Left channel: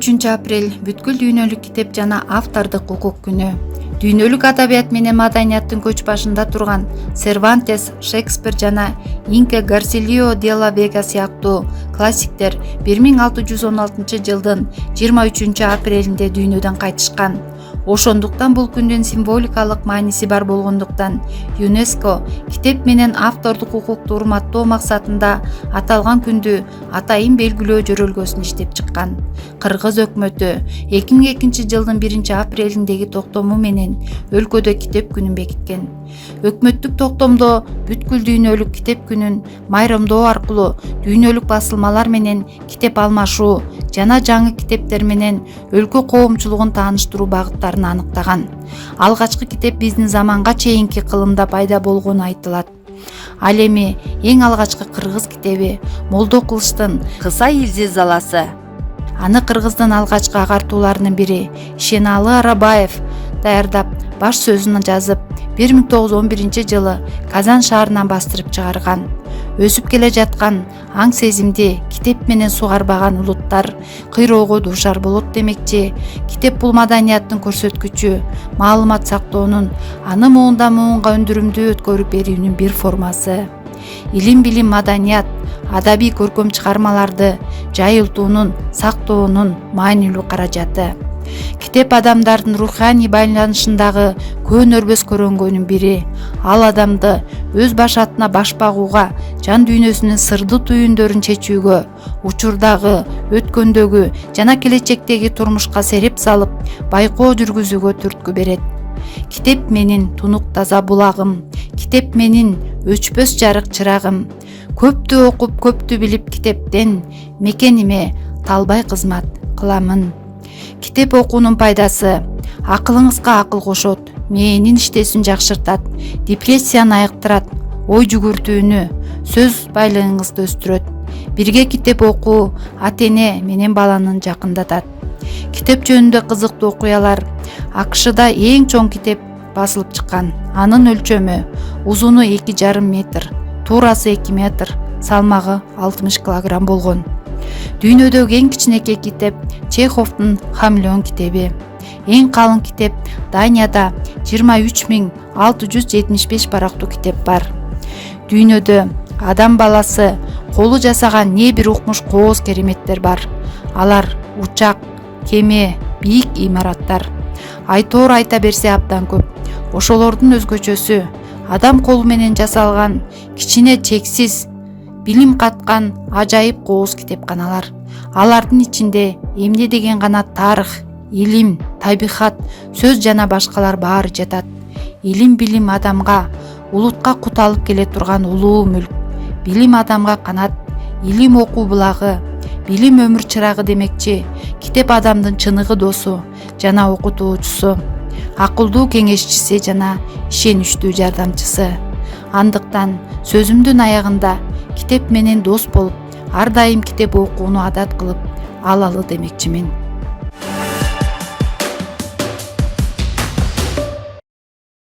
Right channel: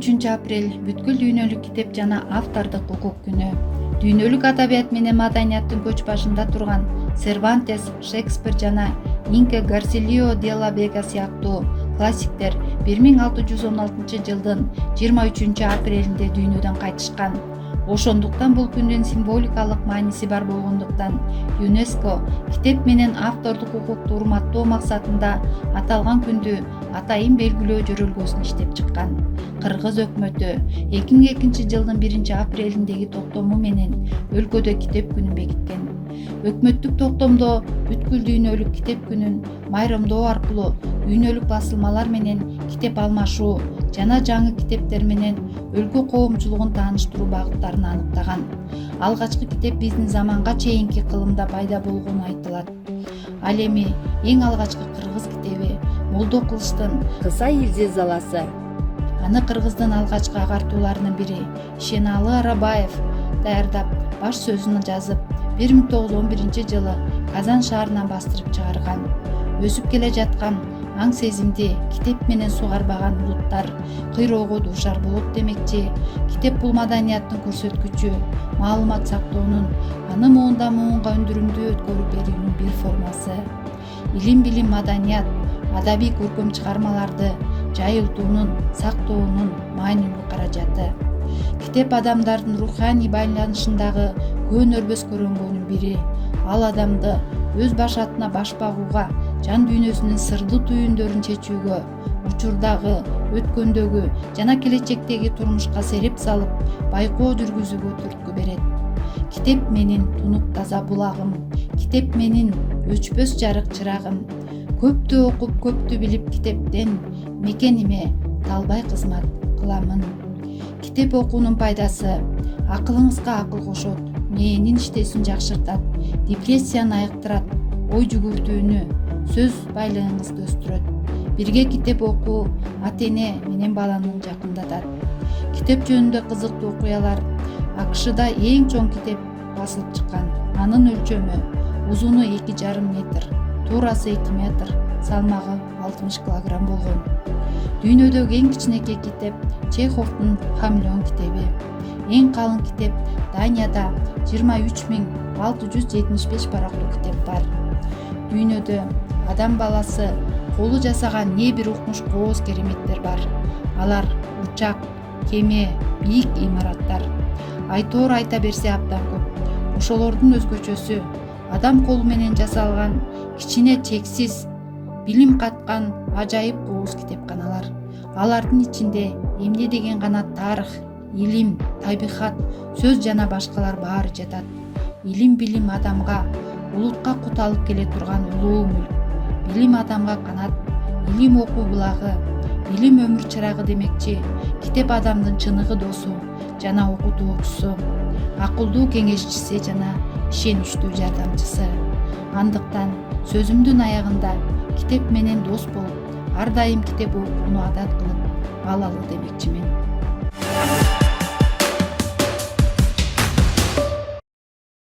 23 апрель бүткүл дүйнөлүк китеп жана автордук укук күнү. Дүйнөлүк адабият менен маданияттын көч башында турган Сервантес, Шекспир жана Инка Гарсилио де ла Вега сыяктуу классиктер 1616-жылдын 23-апрелинде дүйнөдөн кайтышкан. Ошондуктан бул күндүн символикалык мааниси бар болгондуктан ЮНЕСКО китеп менен автордук укукту урматтоо максатында аталган күндү атайын белгилөө жөрөлгөсүн иштеп чыккан. Кыргыз өкмөтү 2002-жылдын 1-апрелиндеги токтому менен өлкөдө китеп күнүн бекиткен. Өкмөттүк токтомдо бүткүл дүйнөлүк китеп күнүн майрамдоо аркылуу дүйнөлүк басылмалар менен китеп алмашуу жана жаңы китептер менен өлкө коомчулугун тааныштыруу багыттарын аныктаган. Алгачкы китеп биздин заманга чейинки кылымда пайда болгону айтылат. Ал эми эң алгачкы кыргыз китеби Молдо Кылычтын Кыса Илзи Заласы. Аны кыргыздын алгачкы агартууларынын бири Ишеналы Арабаев даярдап, баш сөзүн жазып, 1911-жылы Казан шаарынан бастырып чыгарган. Өсүп келе жаткан аң сезимди китеп менен сугарбаган улуттар кыйроого дуушар болот демекчи. Китеп бул маданияттын көрсөткүчү, маалымат сактоонун, аны муундан муунга өндүрүмдүү өткөрүп берүүнүн бир формасы. Илим, билим, маданият, адабий көркөм чыгармаларды жайылтуунун, сактоонун маанилүү каражаты. Китеп адамдардын руханий байланышындагы көөнөрбөс көрөнгөнүн бири. Ал адамды өз башатына баш багууга, жан дүйнөсүнүн сырдуу түйүндөрүн чечүүгө, учурдагы, өткөндөгү жана келечектеги турмушка сереп салып, байкоо жүргүзүүгө түрткү берет. Китеп менин тунук таза булагым, китеп менин өчпөс жарык чырагым. Көптү окуп, көптү билип китептен, мекениме талбай кызмат кыламын. Китеп окуунун пайдасы: акылыңызга акыл кошот, мээнин иштесин жакшыртат, депрессияны айыктырат, ой жүгүртүүнү, сөз байлыгыңызды өстүрөт. Бирге китеп окуу ата-эне менен баланын жакындатат. Китеп жөнүндө кызыктуу окуялар: АКШда эң чоң китеп басылып чыккан. Анын өлчөмү: узуну 2,5 метр, туурасы 2 метр, салмагы 60 килограмм болгон. Дүйнөдөгү эң кичинекей китеп Чеховдун Хамелеон китеби. Эң калың китеп Данияда 23,675 барактуу китеп бар. Дүйнөдө адам баласы колу жасаган не бир укмуш кооз кереметтер бар. Алар учак, кеме, бийик имараттар. Айтоор айта берсе абдан көп. Ошолордун өзгөчөсү адам колу менен жасалган кичине чексиз билим каткан ажайып кооз китепканалар. Алардын ичинде эмне деген гана тарых, илим, табигат, сөз жана башкалар баары жатат. Илим, билим адамга, улутка кут алып келе турган улуу мүлк. Билим адамга канат, илим окуу булагы, билим өмүр чырагы демекчи. Китеп адамдын чыныгы досу жана окутуучусу, акылдуу кеңешчиси жана ишеничтүү жардамчысы. Андыктан сөзүмдүн аягында китеп менен дос болуп, ар дайым китеп окууну адат кылып алалы демекчимин.